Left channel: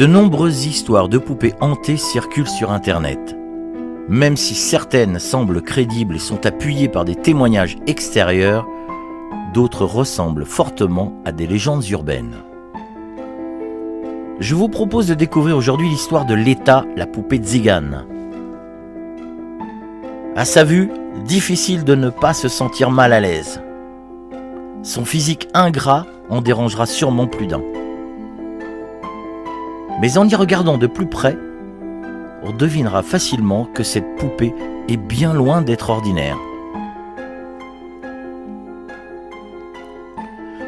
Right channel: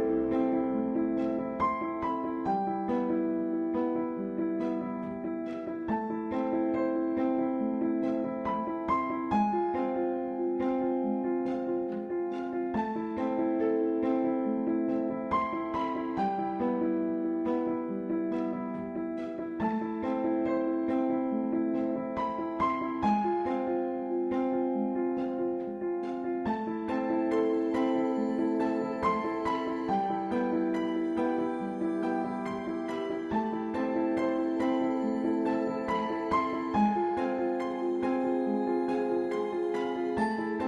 De nombreuses histoires de poupées hantées circulent sur Internet. Même si certaines semblent crédibles et sont appuyées par des témoignages extérieurs, d'autres ressemblent fortement à des légendes urbaines. Je vous propose de découvrir aujourd'hui l'histoire de Leta, la poupée tzigane. À sa vue, difficile de ne pas se sentir mal à l'aise. Son physique ingrat en dérangera sûrement plus d'un. Mais en y regardant de plus près, on devinera facilement que cette poupée est bien loin d'être ordinaire.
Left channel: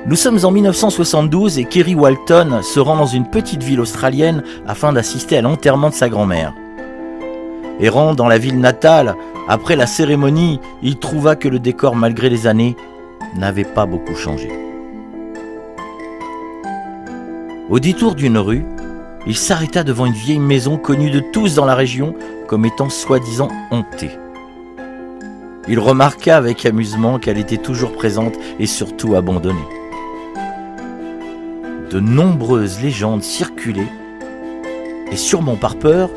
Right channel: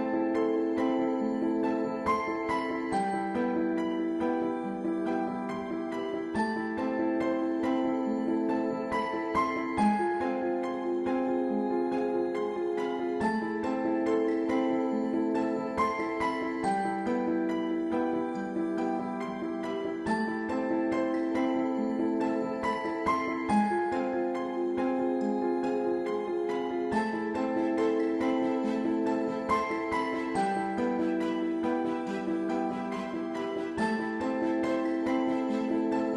Nous sommes en 1972 et Kerry Walton se rend dans une petite ville australienne afin d'assister à l'enterrement de sa grand-mère. Errant dans la ville natale, après la cérémonie, il trouva que le décor, malgré les années, n'avait pas beaucoup changé. Au détour d'une rue, il s'arrêta devant une vieille maison connue de tous dans la région comme étant soi-disant hantée. Il remarqua avec amusement qu'elle était toujours présente et surtout abandonnée. De nombreuses légendes circulaient et sûrement par peur,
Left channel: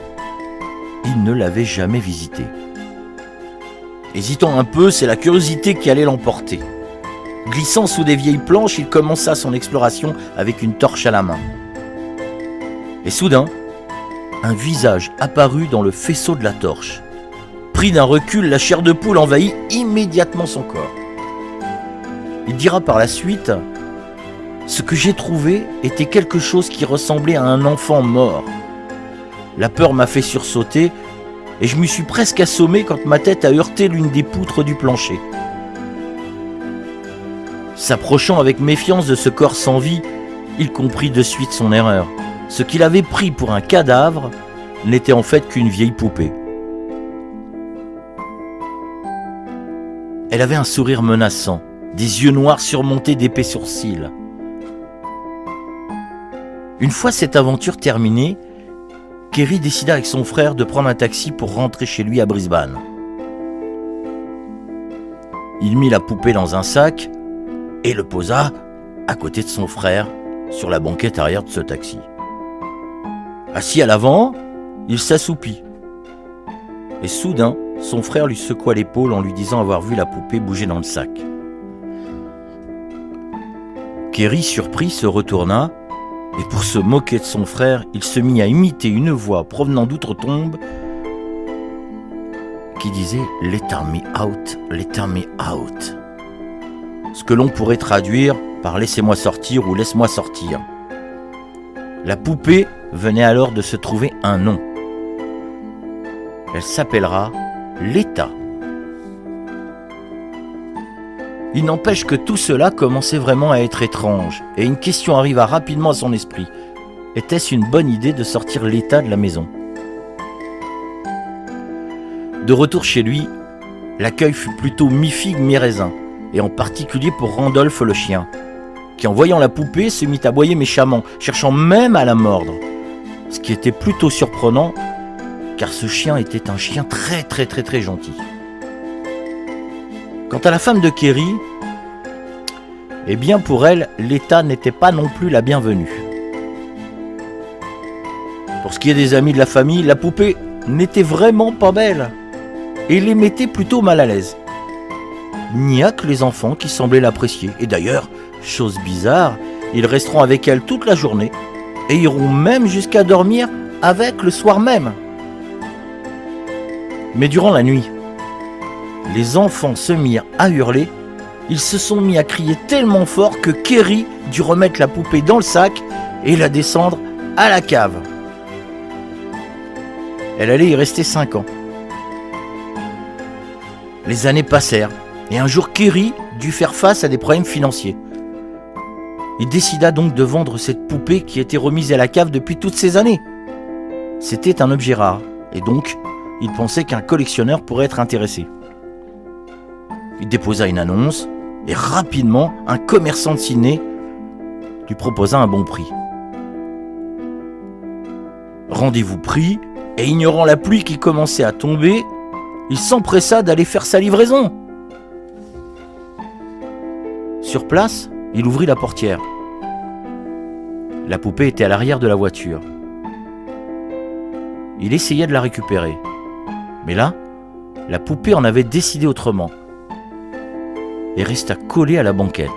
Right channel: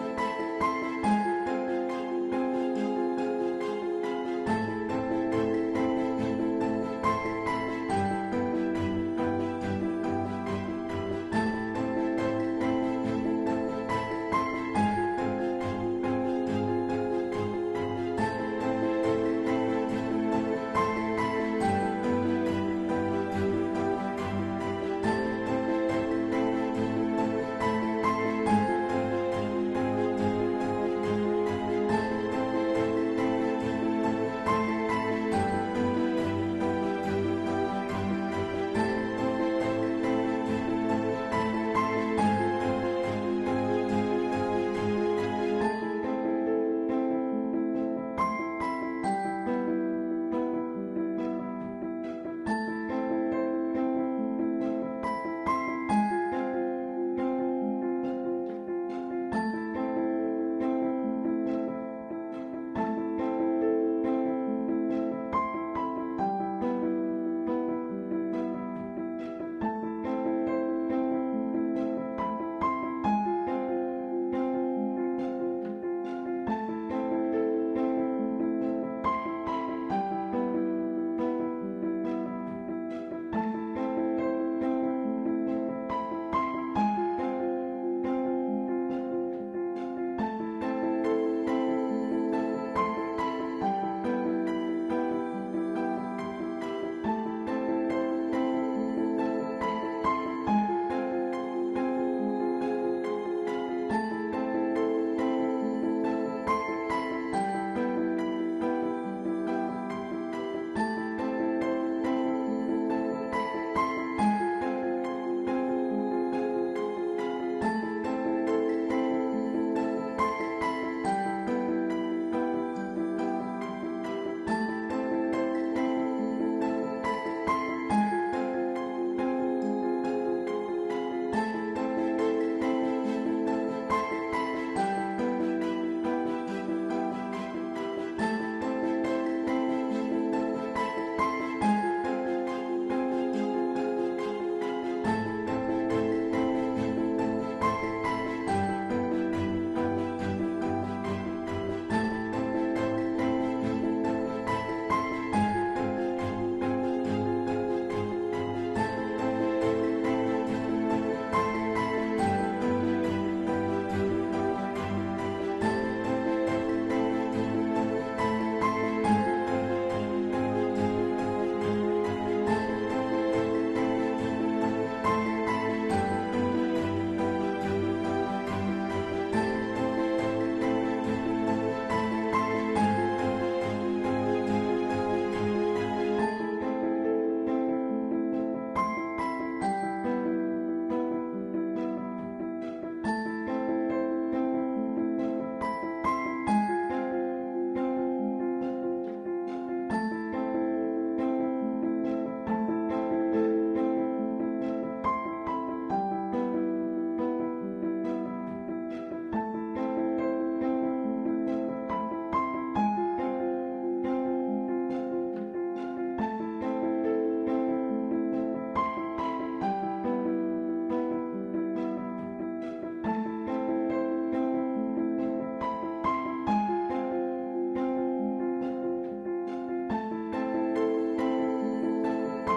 il ne l'avait jamais visitée. Hésitant un peu, c'est la curiosité qui allait l'emporter. Glissant sous des vieilles planches, il commença son exploration avec une torche à la main. Et soudain, un visage apparut dans le faisceau de la torche. Pris d'un recul, la chair de poule envahit immédiatement son corps. Il dira par la suite « Ce que j'ai trouvé était quelque chose qui ressemblait à un enfant mort. La peur m'a fait sursauter et je me suis presque assommé quand ma tête a heurté l'une des poutres du plancher. » S'approchant avec méfiance de ce corps sans vie, il comprit de suite son erreur. Ce qu'il avait pris pour un cadavre n'était en fait qu'une vieille poupée. Elle avait un sourire menaçant, des yeux noirs surmontés d'épais sourcils. Une fois cette aventure terminée, Kerry décida avec son frère de prendre un taxi pour rentrer chez lui à Brisbane. Il mit la poupée dans un sac et le posa à côté de son frère sur la banquette arrière de ce taxi. Assis à l'avant, il s'assoupit. Et soudain, son frère lui secoua l'épaule en lui disant avoir vu la poupée bouger dans le sac. Kerry, surpris, se retourna et pour se moquer de son frère, il se mit à imiter une voix provenant d'outre-tombe qui disait « Let me out, let me out ». Ce que l'on pourrait traduire par « laissez-moi sortir » ou « laisse-moi sortir ». La poupée venait alors de se trouver un nom. Elle s'appellera Leta. Il n'empêche que tout cela commençait vraiment à être étrange, et une question arriva rapidement à son esprit. Était-ce une bonne idée de sortir Leta de la maison? De retour chez lui, l'accueil fut plutôt mi-figue mi-raisin, et en particulier pour Randolph le chien, qui en voyant la poupée se mit à aboyer méchamment, cherchant même à la mordre. Ce qui était plutôt surprenant, car ce chien était un chien très gentil. Quant à la femme de Kerry, eh bien pour elle, Leta n'était pas non plus la bienvenue. Pour ce qui est des amis de la famille, la poupée n'était vraiment pas belle, et les mettait plutôt mal à l'aise. Il n'y a que les enfants qui semblaient l'apprécier, et d'ailleurs, chose bizarre, ils resteront avec elle toute la journée et iront même jusqu'à dormir avec le soir même. Mais durant la nuit, les enfants se mirent à hurler, ils se sont mis à crier tellement fort que Kerry dut remettre la poupée dans le sac et la descendre à la cave. Elle allait y rester 5 ans. Les années passèrent et un jour Kerry dut faire face à des problèmes financiers. Il décida donc de vendre cette poupée qui était remise à la cave depuis toutes ces années. C'était un objet rare, et donc il pensait qu'un collectionneur pourrait être intéressé. Il déposa une annonce, et rapidement, un commerçant de Sydney lui proposa un bon prix. Rendez-vous pris, et ignorant la pluie qui commençait à tomber, il s'empressa d'aller faire sa livraison. Sur place, il ouvrit la portière. La poupée était à l'arrière de la voiture. il essayait de la récupérer. Mais là, la poupée en avait décidé autrement et resta collée à la banquette.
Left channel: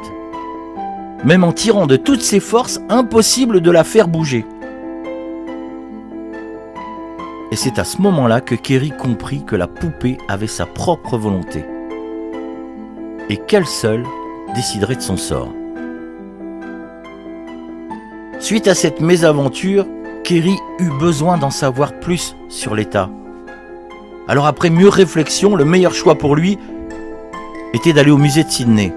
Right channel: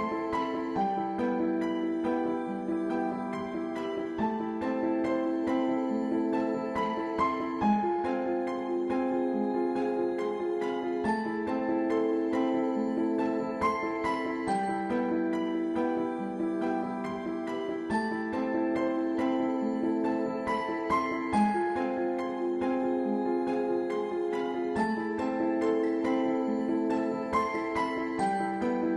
Même en tirant de toutes ses forces, impossible de la faire bouger. Et c'est à ce moment-là que Kéry comprit que la poupée avait sa propre volonté et qu'elle seule déciderait de son sort. Suite à cette mésaventure, Kéry eut besoin d'en savoir plus sur l'État. Alors après mûre réflexion, le meilleur choix pour lui était d'aller au musée de Sydney.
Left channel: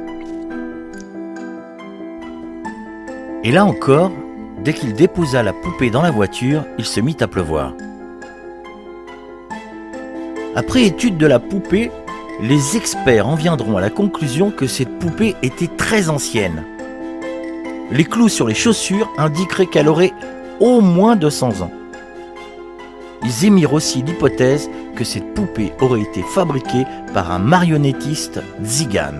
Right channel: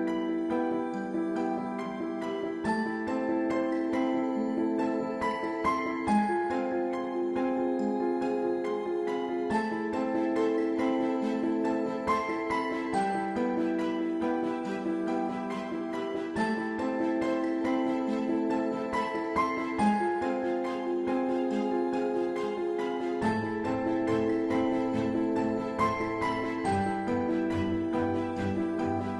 Et là encore, dès qu'il déposa la poupée dans la voiture, il se mit à pleuvoir. Après étude de la poupée, les experts en viendront à la conclusion que cette poupée était très ancienne. Les clous sur les chaussures indiqueraient qu'elle aurait au moins 200 ans. Ils émirent aussi l'hypothèse que cette poupée aurait été fabriquée par un marionnettiste tzigane.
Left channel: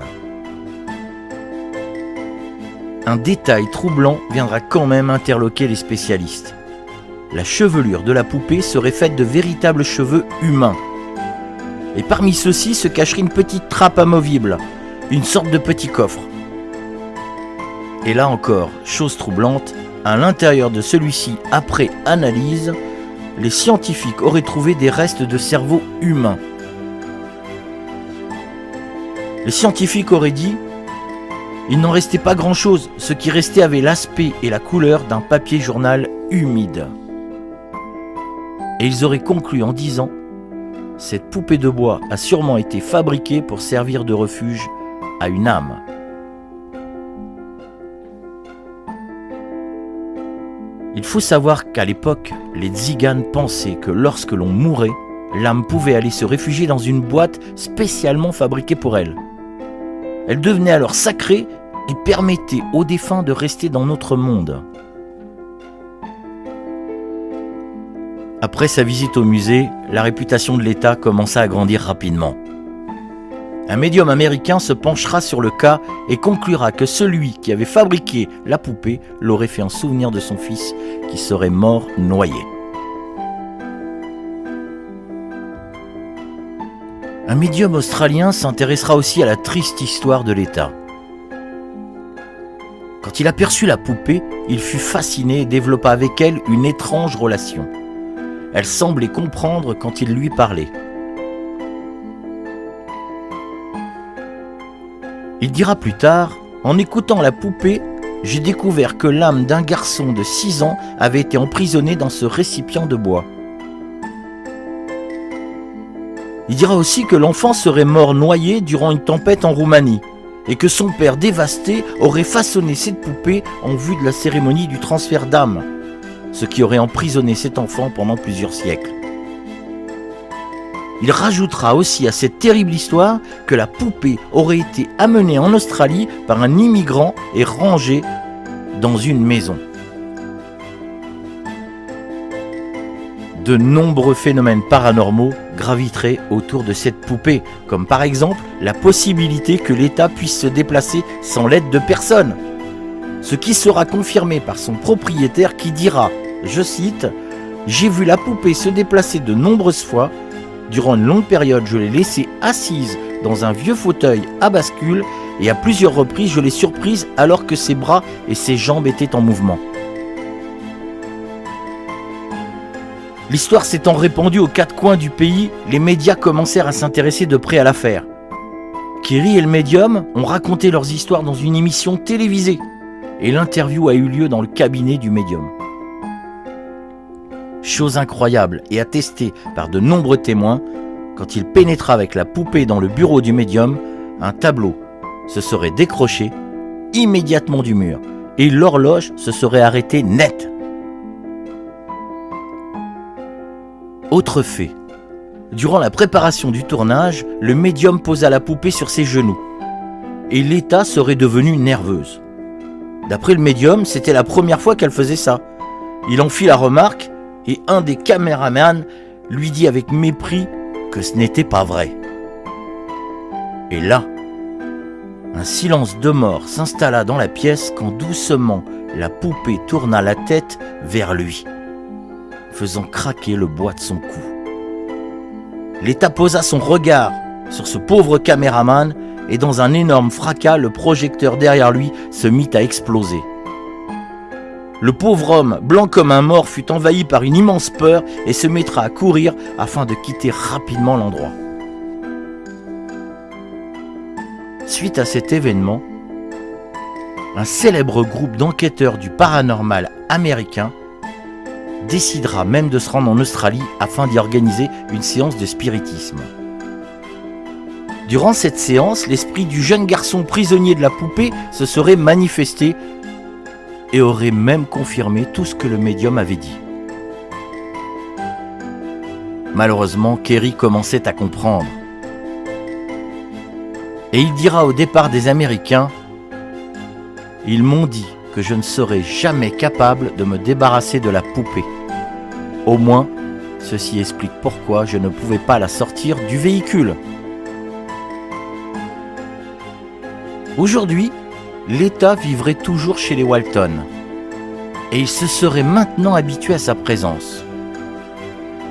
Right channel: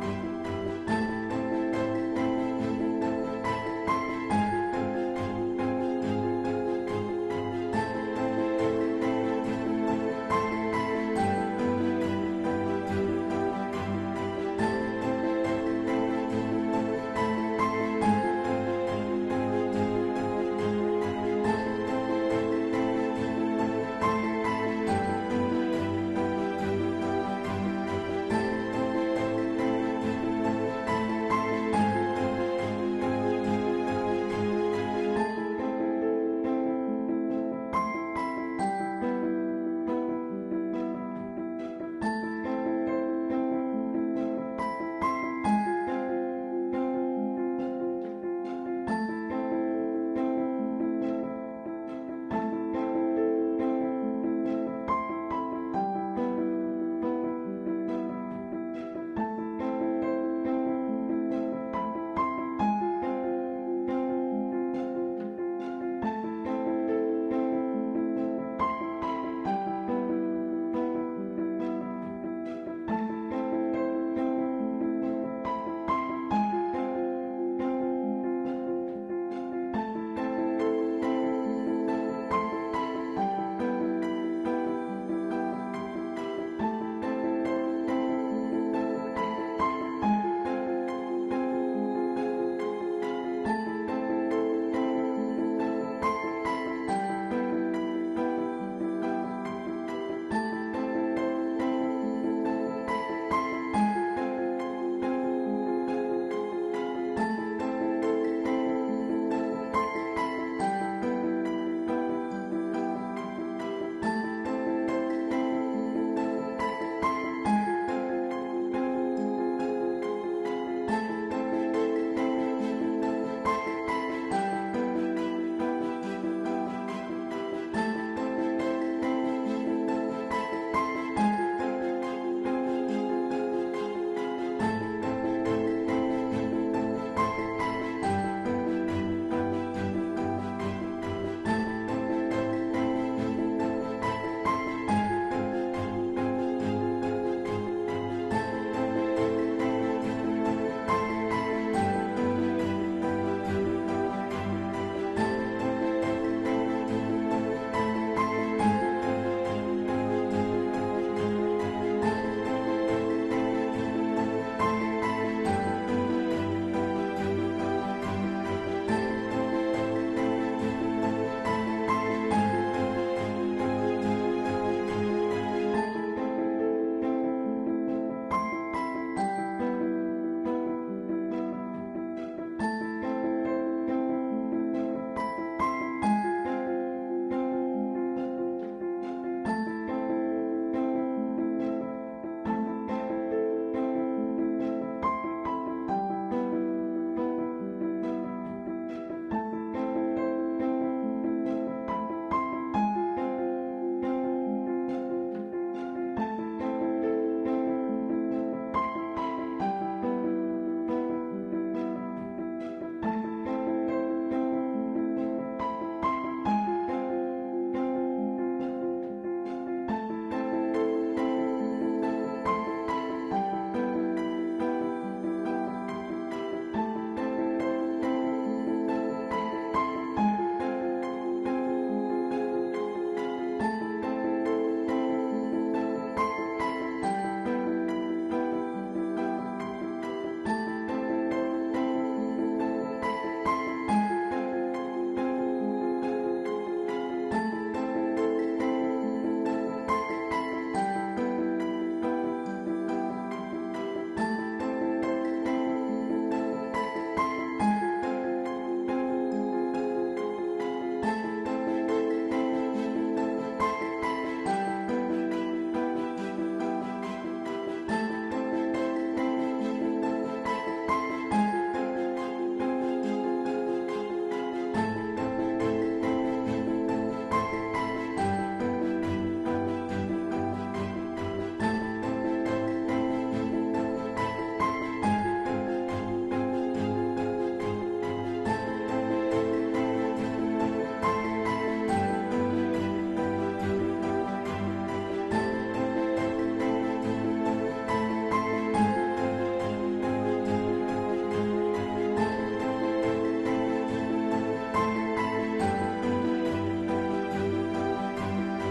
Un détail troublant viendra quand même interloquer les spécialistes. La chevelure de la poupée serait faite de véritables cheveux humains. Et parmi ceux-ci se cacherait une petite trappe amovible, une sorte de petit coffre. Et là encore, chose troublante, à l'intérieur de celui-ci, après analyse, les scientifiques auraient trouvé des restes de cerveau humain. Les scientifiques auraient dit: il n'en restait pas grand-chose, ce qui restait avait l'aspect et la couleur d'un papier journal humide. Et ils auraient conclu en disant: cette poupée de bois a sûrement été fabriquée pour servir de refuge à une âme. Il faut savoir qu'à l'époque, les tziganes pensaient que lorsque l'on mourait, l'âme pouvait aller se réfugier dans une boîte spécialement fabriquée pour elle. Elle devenait alors sacrée et permettait aux défunts de rester dans notre monde. Après sa visite au musée, la réputation de l'État commença à grandir rapidement. Un médium américain se penchera sur le cas et conclura que celui qui avait fabriqué la poupée l'aurait fait en souvenir de son fils qui serait mort noyé. Un médium australien s'intéressera aussi à la triste histoire de l'État. Quand il aperçut la poupée, il fut fasciné et développa avec elle une étrange relation. Elle semblait comprendre quand il lui parlait. Il dira plus tard: en écoutant la poupée, j'ai découvert que l'âme d'un garçon de 6 ans avait été emprisonnée dans ce récipient de bois. Il dira aussi que l'enfant serait mort noyé durant une tempête en Roumanie et que son père dévasté aurait façonné cette poupée en vue de la cérémonie du transfert d'âme, ce qui aurait emprisonné cet enfant pendant plusieurs siècles. Il rajoutera aussi à cette terrible histoire que la poupée aurait été amenée en Australie par un immigrant et rangée dans une maison. De nombreux phénomènes paranormaux graviteraient autour de cette poupée, comme par exemple la possibilité que l'État puisse se déplacer sans l'aide de personne, ce qui sera confirmé par son propriétaire qui dira, je cite: « J'ai vu la poupée se déplacer de nombreuses fois. Durant une longue période, je l'ai laissée assise dans un vieux fauteuil à bascule et à plusieurs reprises, je l'ai surprise alors que ses bras et ses jambes étaient en mouvement. » L'histoire s'étant répandue aux 4 coins du pays, les médias commencèrent à s'intéresser de près à l'affaire. Kéry et le médium ont raconté leurs histoires dans une émission télévisée et l'interview a eu lieu dans le cabinet du médium. Chose incroyable et attestée par de nombreux témoins, quand il pénétra avec la poupée dans le bureau du médium, un tableau se serait décroché immédiatement du mur et l'horloge se serait arrêtée net. Autre fait, durant la préparation du tournage, le médium posa la poupée sur ses genoux et l'État serait devenue nerveuse. D'après le médium, c'était la première fois qu'elle faisait ça. Il en fit la remarque et un des caméramans lui dit avec mépris que ce n'était pas vrai. Et là, un silence de mort s'installa dans la pièce quand doucement la poupée tourna la tête vers lui. faisant craquer le bois de son cou. L'État posa son regard sur ce pauvre caméraman et dans un énorme fracas, le projecteur derrière lui se mit à exploser. Le pauvre homme, blanc comme un mort, fut envahi par une immense peur et se mettra à courir afin de quitter rapidement l'endroit. Suite à cet événement, un célèbre groupe d'enquêteurs du paranormal américain décidera même de se rendre en Australie afin d'y organiser une séance de spiritisme. Durant cette séance, l'esprit du jeune garçon prisonnier de la poupée se serait manifesté et aurait même confirmé tout ce que le médium avait dit. Malheureusement, Kerry commençait à comprendre. Et il dira au départ des Américains « Ils m'ont dit que je ne serais jamais capable de me débarrasser de la poupée. Au moins, ceci explique pourquoi je ne pouvais pas la sortir du véhicule. » Aujourd'hui, l'État vivrait toujours chez les Walton et il se serait maintenant habitué à sa présence.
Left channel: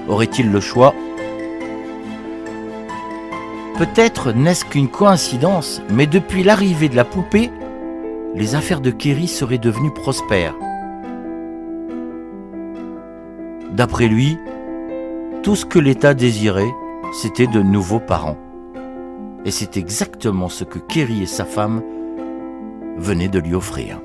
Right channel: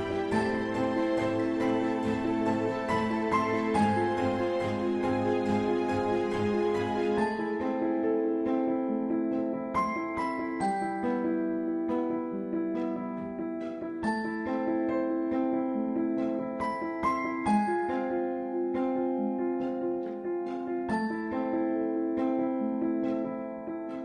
Aurait-il le choix ? Peut-être n'est-ce qu'une coïncidence, mais depuis l'arrivée de la poupée, les affaires de Kerry seraient devenues prospères. D'après lui, tout ce que l'État désirait, c'était de nouveaux parents. Et c'est exactement ce que Kerry et sa femme venaient de lui offrir.